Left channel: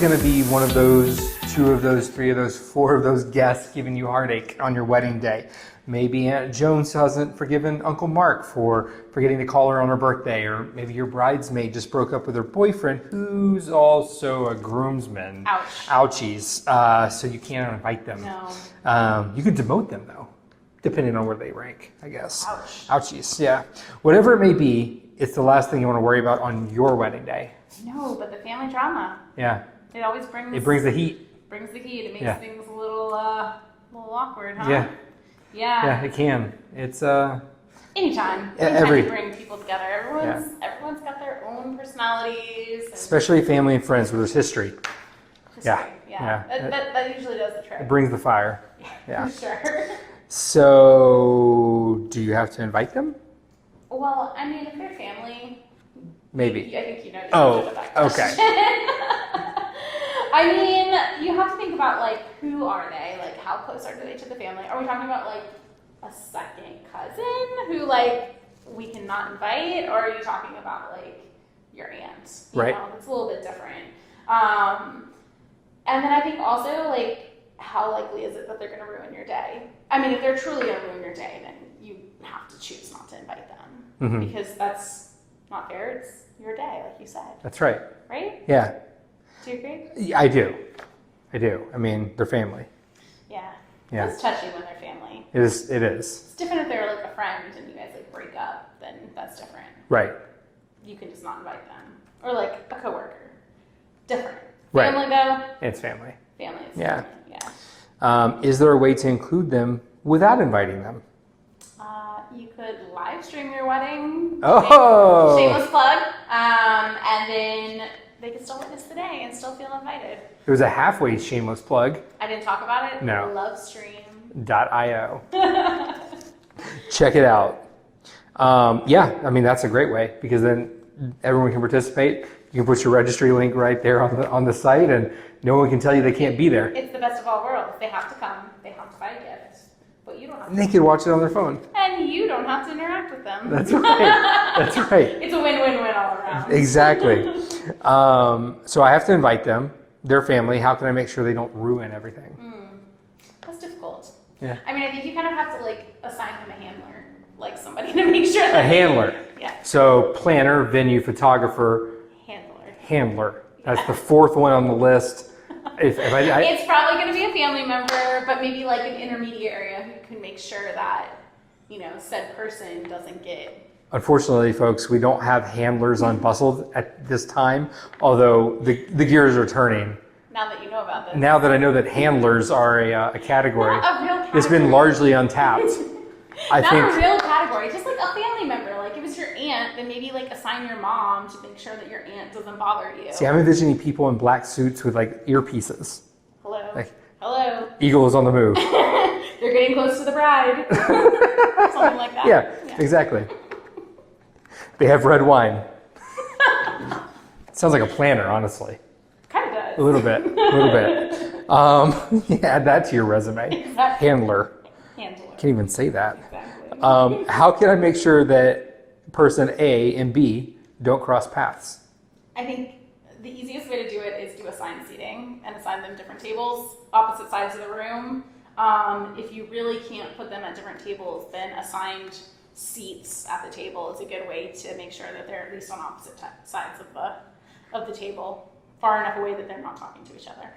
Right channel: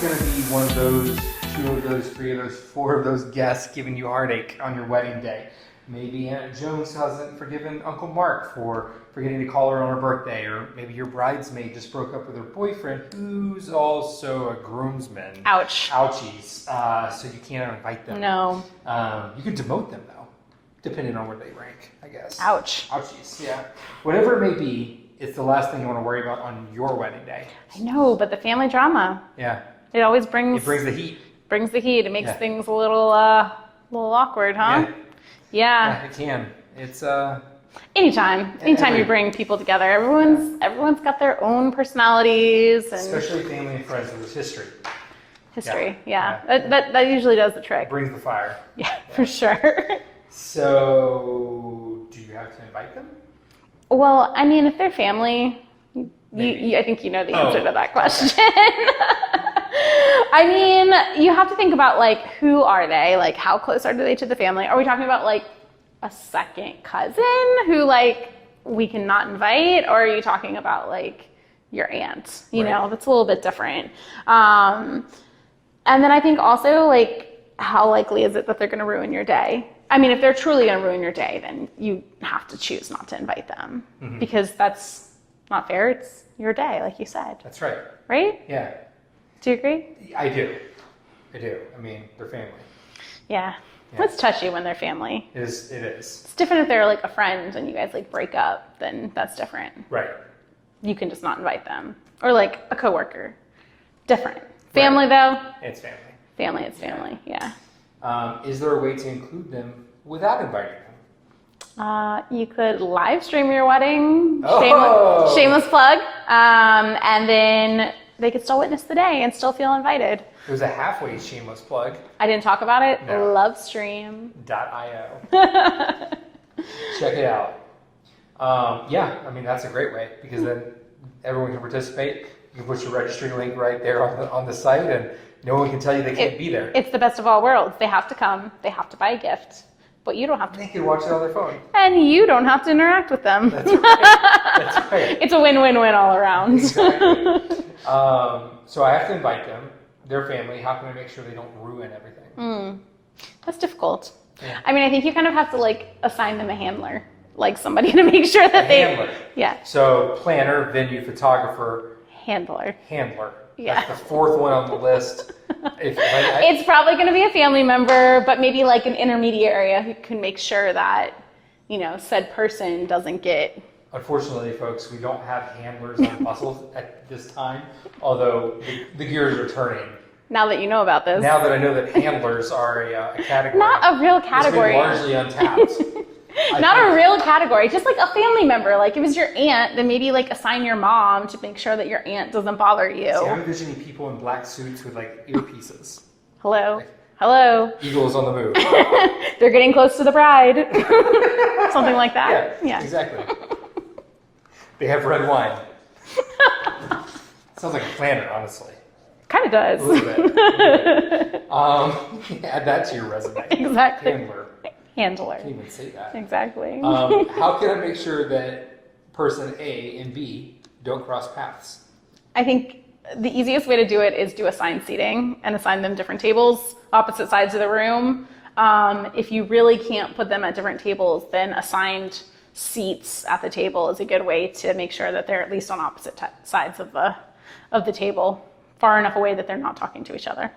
going to be one of those, two of those, three of those, four of those guests giving you heartache on your wedding day. Maybe Aunt Joan hasn't forgiven Uncle Mark for forgetting to call her on her birthday, or maybe your bridesmaid just broke up with her boyfriend, who's also a groomsman. Ouch. Ouchies. So you can't invite them. No. You could demote them, though, depending on where they rank, I guess. Ouch. Ouchies, yeah. Whatever it may be, it's the last thing you want to worry about on your wedding day. I know, but the family drama. Yeah. It always brings... It brings the heat. Brings the heat. It makes things a little awkward, huh? Yeah. Yeah, it can. It's anytime you bring people together, everyone's got their own personalities, and especially family and friends where there's history. Yeah. That usually does the trick. Brings the fire. Yeah, for sure. So, do you have to invite them? Well, I mean, if they're family, maybe. I think you know the answer to that question. Okay. I mean, you have to think about, like, who are they? Like, how close are they to the family? Are we talking about, like, a second cousin who, like, we cannot invite? Or are you talking about, like, your aunt? You know, that's a little bit different. And then I think also, like, how likely is it that they're going to ruin your day? I mean, if they're truly going to ruin your day, then you have to choose not to invite them. Mm-hmm. Because that's not fair. It's your day, like you said. That's right. Right? Yeah. Do you agree? Yeah, I do. I mean, they're family. Yeah. It's touchy when they're family. It is. It's different if they're like a friend and you guys like break up, then that's different. Right. You can just not invite them. Or like a coworker. Different. Family though? It's family. Family, it's family, yeah. Is there a way to include them without inviting them? You could live stream your wedding. Oh! Shameless plug. And then they could still witness the day and still feel invited. It was a halfway shameless plug. I didn't talk about it. No. Lovestream.io. Check it out. Yeah, I mean, that's a great way because then everyone can participate. You can put your registry link right there on the site and no one can tell you they can't be there. It's the best of all worlds. They have to come. They have to buy a gift. But you don't have to. They can watch it on their phone. And you don't have to interact with them. That's right. That's right. It's a win-win-win all around. Exactly. So I have to invite them, their family. How can I make sure they don't ruin everything? That's difficult. Yeah. I mean, I think you kind of have to like assign them a handler, like somebody to make sure that handler. Yeah. So planner, venue, photographer. Handler. Yeah. That's the fourth one on the list. It's probably going to be a family member, but maybe like an intermediary who can make sure that, you know, said person doesn't get... Unfortunately, folks, we don't have handlers on Bustld at this time, although the gears are turning. Now that you know about this. Now that I know that handlers are a category. Not a real category. It's been largely untapped. Not a real category, just like a family member. Like if it's your aunt, then maybe like assign your mom to make sure that your aunt doesn't bother you. See, I'm envisioning people in black suits with like earpieces. Hello. Hello. Eagle is on the move. They're getting close to the bride. Something like that. Yeah, exactly. They have red wine. Sounds like a planner, honestly. Kind of does. A little bit. Add that to your resume. Exactly. Handler. Handler. Can't even say that. Exactly. How can I make sure that person A and B don't cross paths? I think the easiest way to do it is do assigned seating and assign them different tables, opposite sides of the room. If you really can't put them at different tables, then assigned seats at the table is a good way to make sure that they're at least on opposite sides of the table, far enough away that they're not talking to each other.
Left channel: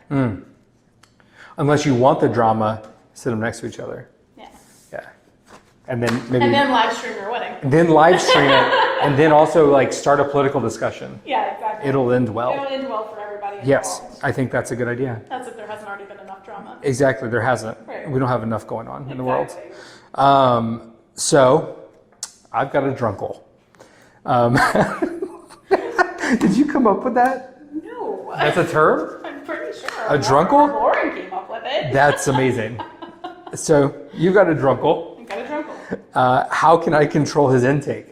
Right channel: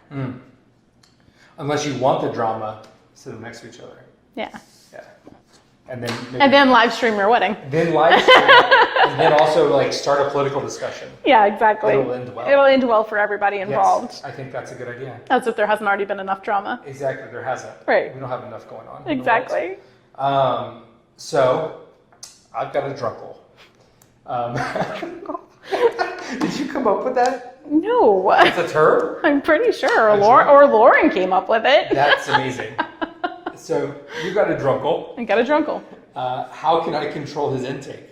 Unless you want the drama, sit them next to each other. Yeah. And then live stream your wedding. Then live stream it, and then also like start a political discussion. Yeah, exactly. It'll end well. It'll end well for everybody involved. Yes, I think that's a good idea. That's if there hasn't already been enough drama. Exactly, there hasn't. Right. We don't have enough going on Exactly. in the world. So, I've got a drunkle. Did you come up with that? No. It's a term? I'm pretty sure. Or Lauren came up with it. That's amazing. So you got a drunkle. I got a drunkle. How can I control his intake?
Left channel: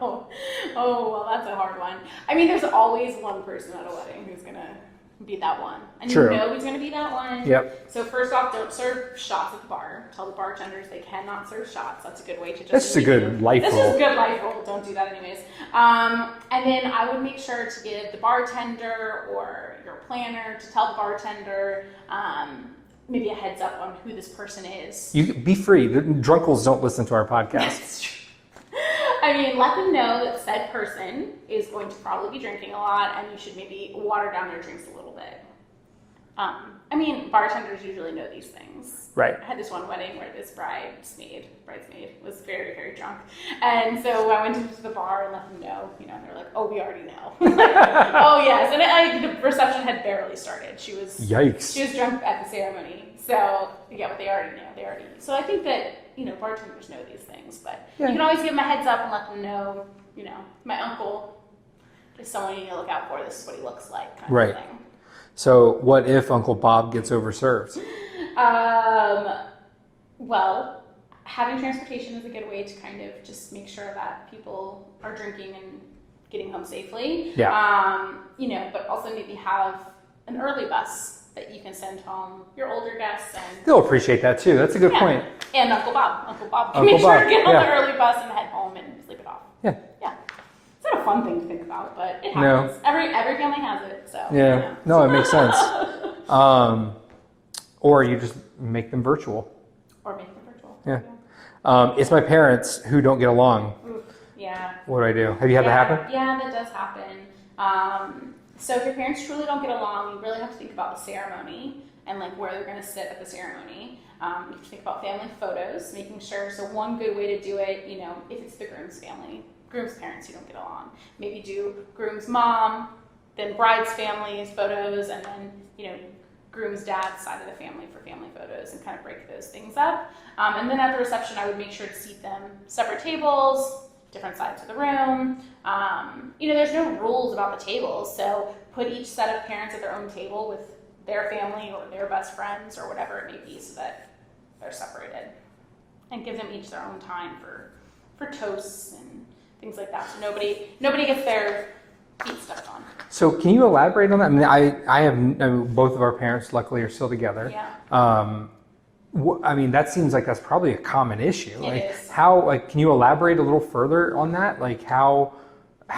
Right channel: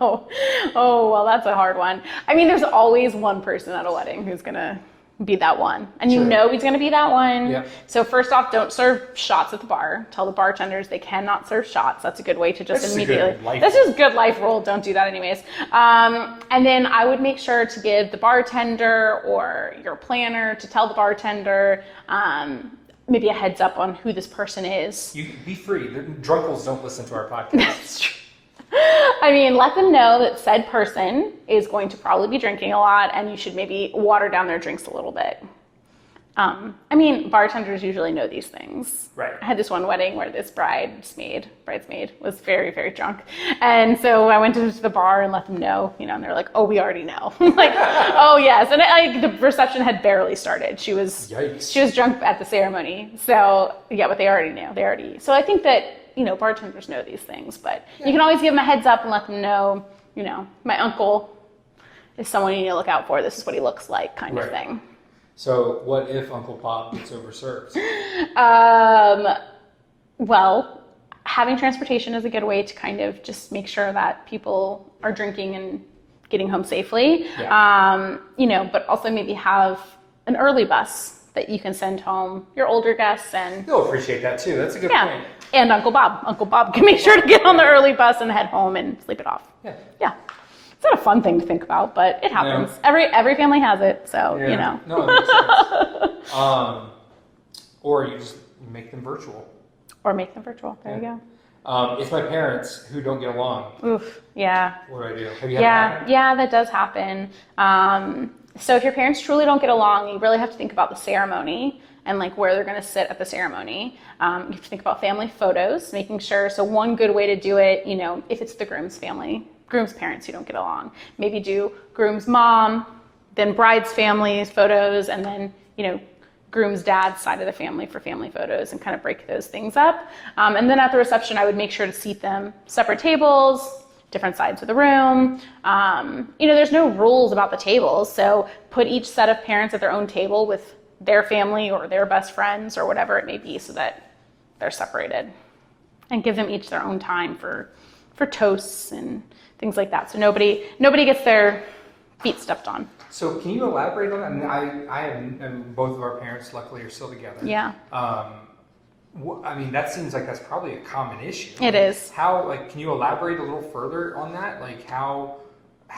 Oh, well, that's a hard one. I mean, there's always one person at a wedding who's gonna be that one. And True. you know he's going to be that one. Yep. So first off, don't serve shots at the bar. Tell the bartenders they cannot serve shots. That's a good way to just That's a immediately. good life This rule. is good life rule. Don't do that anyways. And then I would make sure to give the bartender or your planner to tell the bartender maybe a heads up on who this person is. You be free. The drunkles don't listen to our podcast. It's true. I mean, let them know that said person is going to probably be drinking a lot and you should maybe water down their drinks a little bit. I mean, bartenders usually know these things. Right. I had this one wedding where this bridesmaid was very, very drunk. And so I went to the bar and let them know, you know, and they're like, oh, we already know. Like, oh, yes. And the reception had barely started. She was drunk at the ceremony. So, yeah, but they already knew. So I think that, you know, bartenders know these things. But you can always give them a heads up and let them know, you know, my uncle is someone you need to look out for. This is what he looks like kind of thing. So what if Uncle Bob gets overserved? Well, having transportation is a good way to kind of just make sure that people are drinking and getting home safely. Yeah. You know, but also maybe have an early bus that you can send home your older guests and They'll appreciate that too. That's a good point. And Uncle Bob. Uncle Bob can make sure to get on the early bus and head home and sleep it off. Yeah. Yeah. It's not a fun thing to think about, but it happens. No. Every family has it, so you know. No, it makes sense. Or you just make them virtual. Or make them virtual. There you go. It's my parents who don't get along. Oof. Yeah. What do I do? Have you had that happen? Yeah, that does happen. So if your parents truly don't get along, you really have to think about the ceremony and like where they're going to sit at the ceremony. You have to think about family photos, making sure. So one good way to do it, you know, if it's the groom's parents who don't get along, maybe do groom's mom, then bride's family's photos, and then, you know, groom's dad's side of the family for family photos and kind of break those things up. And then at the reception, I would make sure to seat them separate tables, different sides of the room. You know, there's no rules about the tables, so put each set of parents at their own table with their family or their best friends or whatever it may be so that they're separated, and give them each their own time for toasts and things like that. So nobody gets their feet stepped on. So can you elaborate on that? I mean, both of our parents luckily are still together. Yeah. I mean, that seems like that's probably a common issue. It is. How, can you elaborate a little further on that? Like how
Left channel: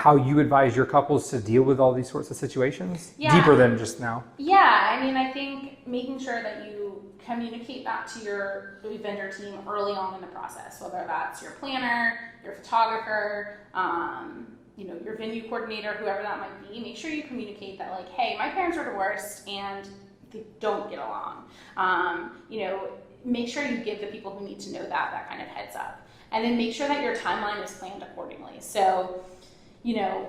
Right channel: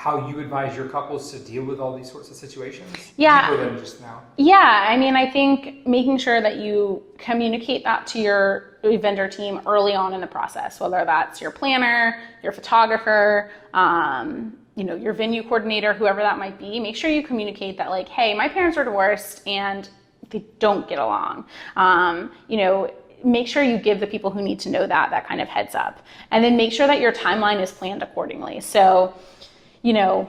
you advise your couples to deal with all these sorts of situations? Yeah. Deeper than just now. Yeah, I mean, I think making sure that you communicate that to your vendor team early on in the process, whether that's your planner, your photographer, you know, your venue coordinator, whoever that might be, make sure you communicate that like, hey, my parents are divorced and they don't get along. You know, make sure you give the people who need to know that kind of heads up. And then make sure that your timeline is planned accordingly. So, you know,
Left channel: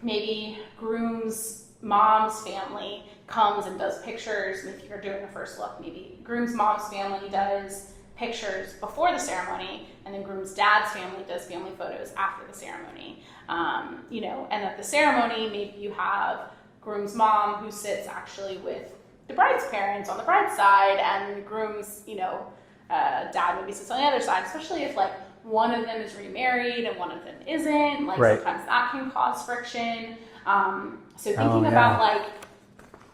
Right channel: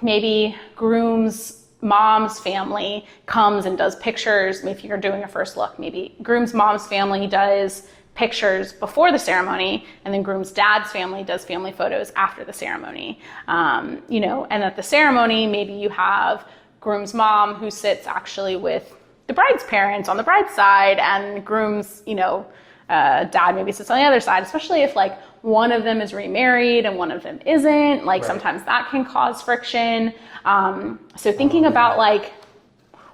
maybe groom's mom's family comes and does pictures. If you're doing a first look, maybe groom's mom's family does pictures before the ceremony, and then groom's dad's family does family photos after the ceremony. You know, and at the ceremony, maybe you have groom's mom who sits actually with the bride's parents on the bride's side, and groom's, you know, dad maybe sits on the other side, especially if like one of them is remarried and one of them isn't. Like sometimes that can cause friction. So thinking about like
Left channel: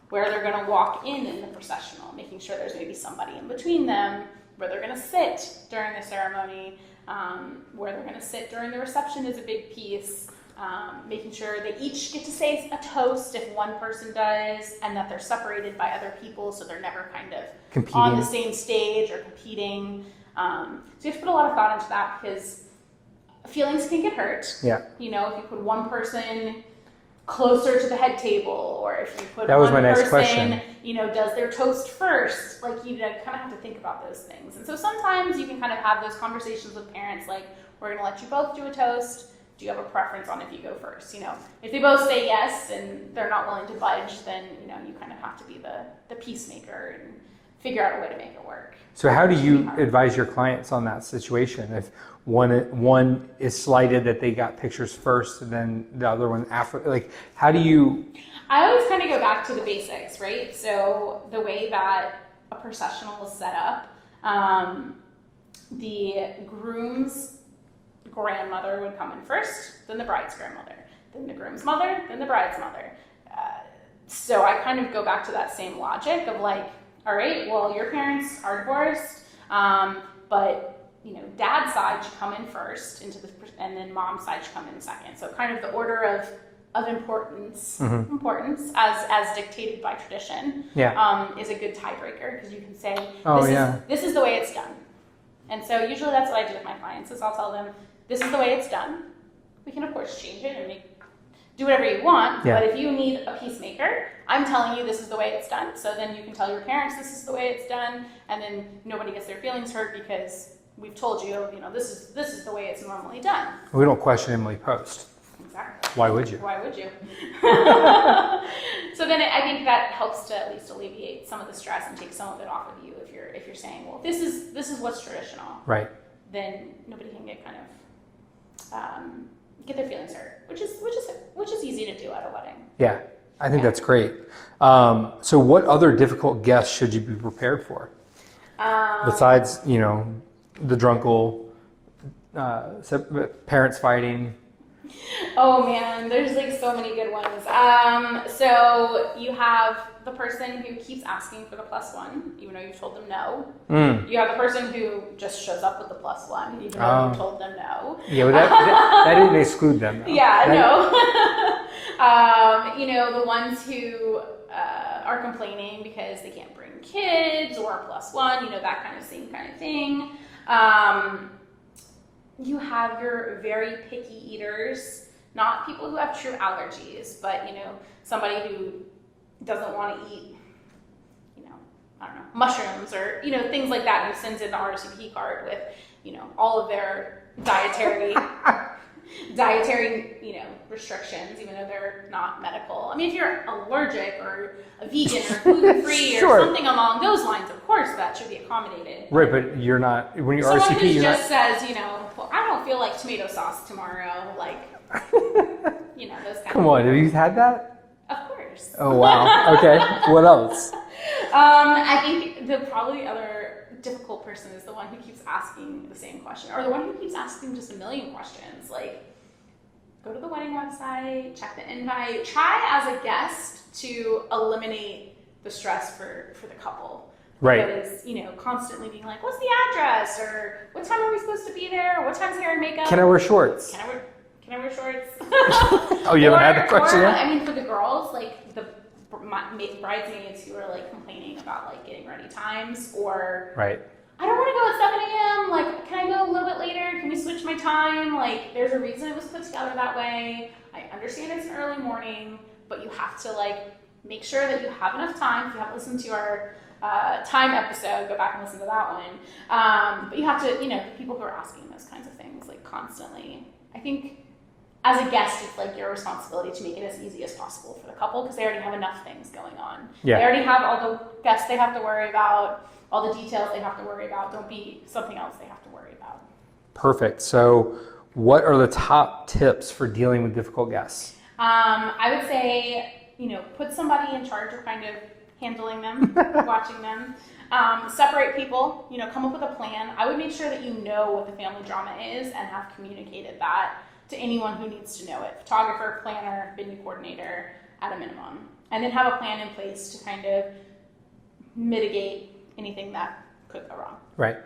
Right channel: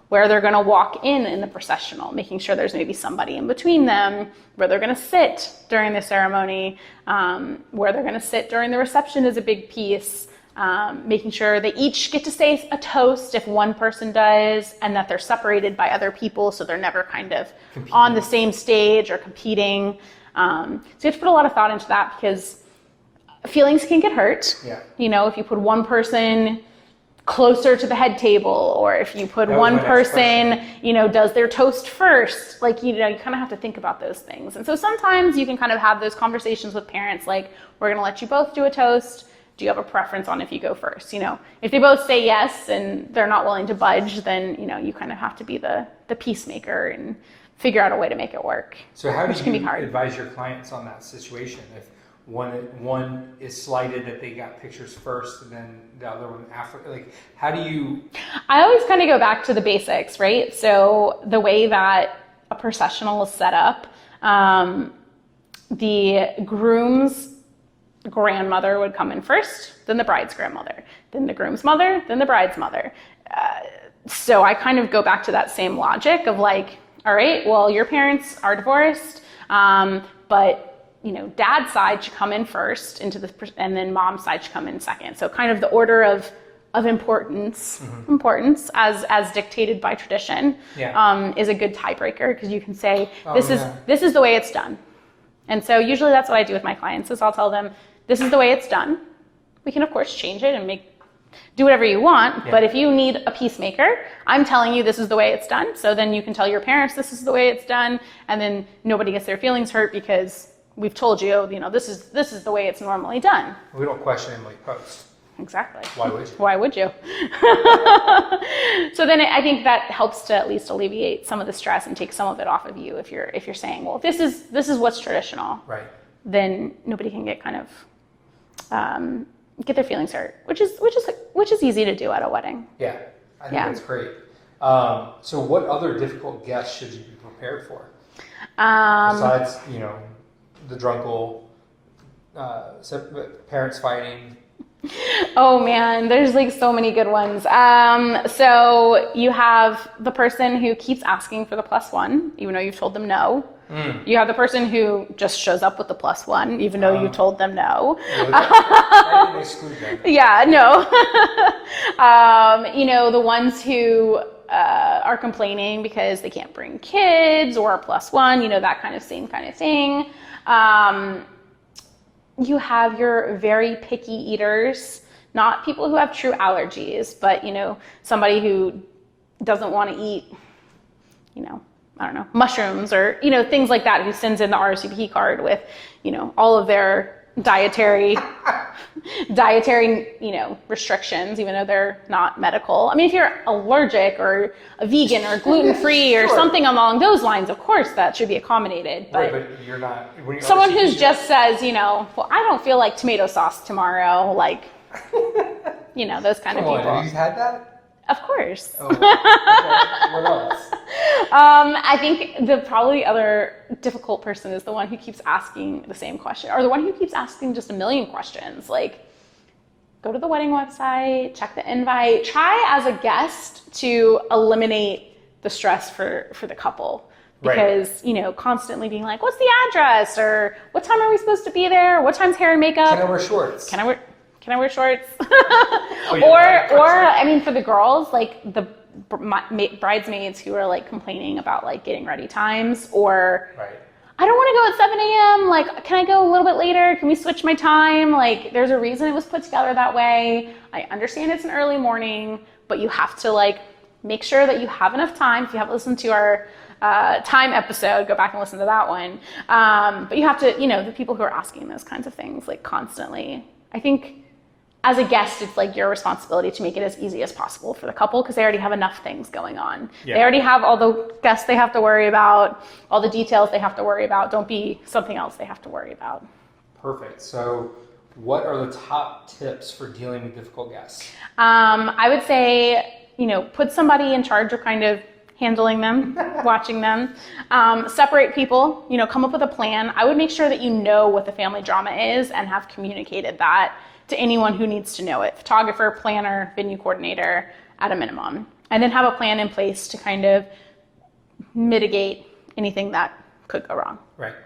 where they're going to walk in the processional, making sure there's maybe somebody in between them, where they're going to sit during the ceremony, where they're going to sit during the reception is a big piece. Making sure they each get to say a toast if one person does, and that they're separated by other people so they're never kind of competing on the same stage or competing. So you have to put a lot of thought into that because feelings can get hurt. Yeah. You know, if you put one person closer to the head table, or if you put one person, you know, does their toast first, like, you know, you kind of have to think about those things. And so sometimes you can kind of have those conversations with parents, like, we're going to let you both do a toast. Do you have a preference on if you go first? You know, if they both say yes and they're not willing to budge, then, you know, you kind of have to be the peacemaker and figure out a way to make it work. So how do you advise your clients on that situation? If one is slighted that they got pictures first and then the other one after, like, how do you? I always kind of go back to the basics, right? So the way that a processional is set up, the groom's grandmother would come in first, then the bride's grandmother, then the groom's mother, then the bride's mother. So I kind of go back to that same logic of like, all right, well, your parents are divorced, but dad's side should come in first and then mom's side should come in second. So kind of the order of importance as dictated by tradition is a good tiebreaker, because you can say this is the way it's done. And so usually that's what I do with my clients is I'll tell them this is the way it's done. We can of course change it and do whatever you want, but if you need a peacemaker, I'm telling you this is the way it's done. So then you can tell your parents this is the way it's done, and then nobody gets their feelings hurt because we've told you, this is the way it's normally done. We don't question Emily Post. Exactly. Why would you? Why would you? So then I think that helps to at least alleviate some of the stress and take some of it off of you. If you're saying, well, this is what's traditional, right? Then nobody can get kind of get their feelings hurt, which is easy to do at a wedding. Yeah, I think that's great. So what other difficult guests should you be prepared for? Besides, the drunkle, parents fighting. Oh man, there's like so many good ones. So you have the person who keeps asking for the +1, even though you've told them no. You have the person who just shows up with the +1, even though you told them no. Yeah, that didn't exclude them. Yeah, no. The ones who are complaining because they can't bring kids or a +1, that kind of same kind of thing. You have your very picky eaters, not people who have true allergies, but, somebody who doesn't want to eat, I don't know, mushrooms or, things like that, who sends in the RSVP card with, all of their dietary, restrictions, even though they're not medical. I mean, if you're allergic or a vegan or gluten-free or something along those lines, of course that should be accommodated. Right, but you're not, when you're someone RCP, who just says, well, I don't feel like tomato sauce tomorrow, like, those kind of people. Have you had that? Of course. Oh, wow. Okay. What else? I think the probably other difficult person is the one who keeps asking the same question, or the one who keeps asking just a million questions. Like, go to the wedding website, check the invite, try as a guest to eliminate the stress for the couple. Because, constantly being like, what's the address? Or what time are we supposed to be there? What time's hair and makeup? Can I wear shorts? Can I wear shorts? Oh, you haven't had the question? I mean, for the girls, like the bridesmaids who are like complaining about like getting ready times, or I don't want to go at 7 a.m. Like, can I go a little bit later? Can we switch my time? Like, there's a reason it was put together that way. I understand it's an early morning, but you have to like make sure that you have enough time. If you haven't listened to our time episode, go back and listen to that one. But you have to, the people who are asking those kinds of things like constantly, I think, as a guest, it's like your responsibility to make it as easy as possible for the couple, because they already have enough things going on. Yeah. They already have all the guests they have to worry about, all the details they have to worry about. Don't be something else they have to worry about. Perfect. So what are the top tips for dealing with difficult guests? I would say, put somebody in charge of kind of handling them, watching them. Separate people, come up with a plan. I would make sure that you know what the family drama is and have communicated that to anyone who needs to know it. Photographer, planner, venue coordinator, at a minimum. And then have a plan in place to kind of mitigate anything that could go wrong. Right.